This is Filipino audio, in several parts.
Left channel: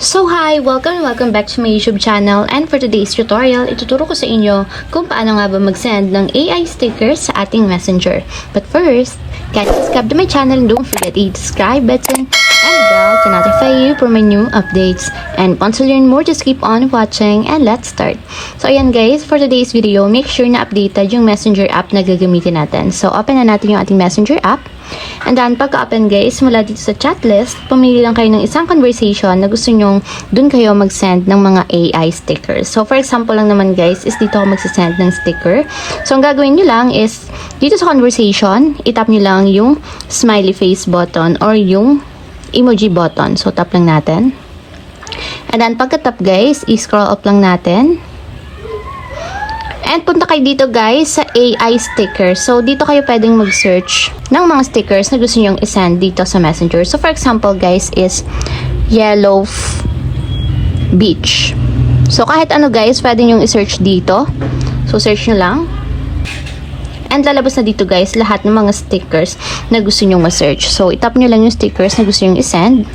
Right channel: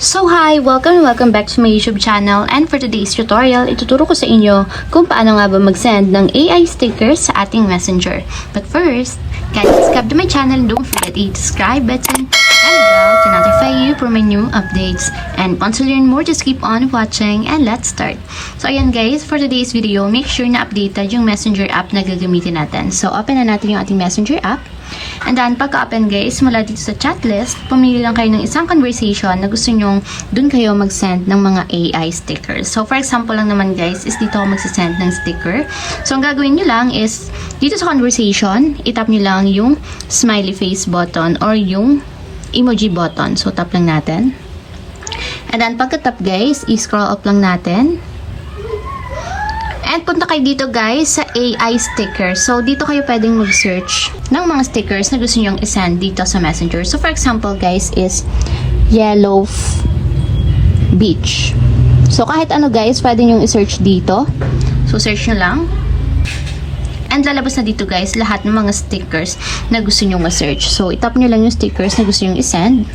So hi! Welcome back to my YouTube channel, and for today's tutorial, ituturo ko sa inyo kung paano nga ba mag-send ng AI stickers sa ating messenger. But first, guys, subscribe to my channel and don't forget to hit the subscribe button and the bell to notify you for my new updates. And once you learn more, just keep on watching and let's start. So ayan guys, for today's video, make sure na updated yung messenger app na gagamitin natin. So open na natin yung ating messenger app. And then, pagka-open guys, mula dito sa chat list, pumili lang kayo ng isang conversation na gusto nyong dun kayo mag-send ng mga AI stickers. So, for example lang naman guys, is dito ako mag-send ng sticker. So, ang gagawin nyo lang is, dito sa conversation, itap nyo lang yung smiley face button or yung emoji button. So, tap lang natin. And then, pagka-tap guys, i-scroll up lang natin. And punta kayo dito guys sa AI sticker. So, dito kayo pwedeng mag-search ng mga stickers na gusto nyong isend dito sa Messenger. So, for example guys is yellow beach. So, kahit ano guys, pwede nyong i-search dito. So, search nyo lang. And lalabas na dito guys lahat ng mga stickers na gusto nyong ma-search. So, itap nyo lang yung stickers na gusto nyong isend.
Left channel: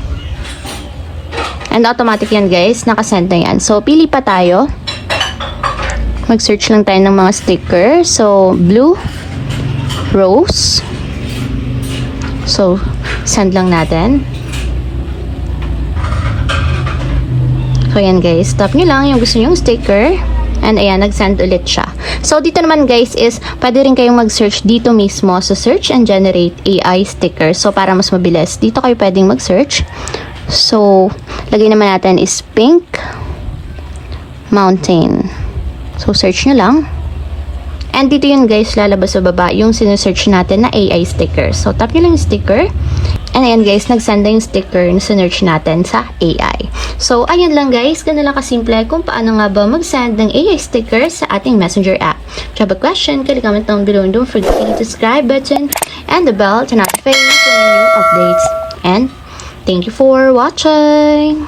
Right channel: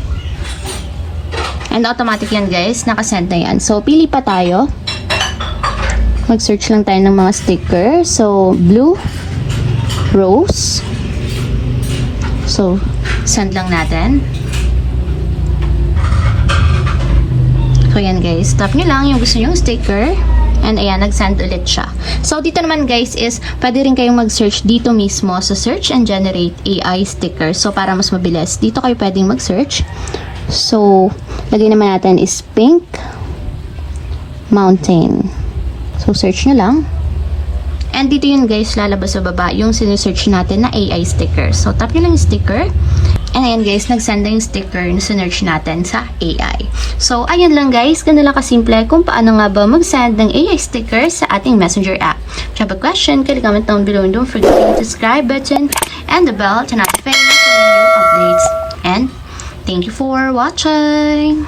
And automatic yan guys, nakasend na yan. So, pili pa tayo. Mag-search lang tayo ng mga sticker. So, blue, rose. So, send lang natin. So, ayan guys. Tap nyo lang yung gusto nyong sticker. And ayan, nag-send ulit siya. So, dito naman guys is, pwede rin kayong mag-search dito mismo sa search and generate AI sticker. So, para mas mabilis, dito kayo pwedeng mag-search. So, lagay naman natin is pink mountain. So, search nyo lang. And dito yun guys, lalabas sa baba yung sinesearch natin na AI sticker. So, tap nyo lang yung sticker. And ayan guys, nagsend na yung sticker na sinearch natin sa AI. So, ayan lang guys. Ganun lang kasimple kung paano nga ba mag-send ng AI sticker sa ating Messenger app. If you have a question, comment down below and don't forget to hit the subscribe button and the bell to notify you for new updates. And thank you for watching!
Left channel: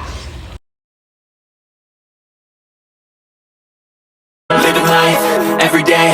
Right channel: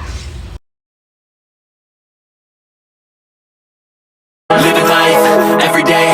Living life every day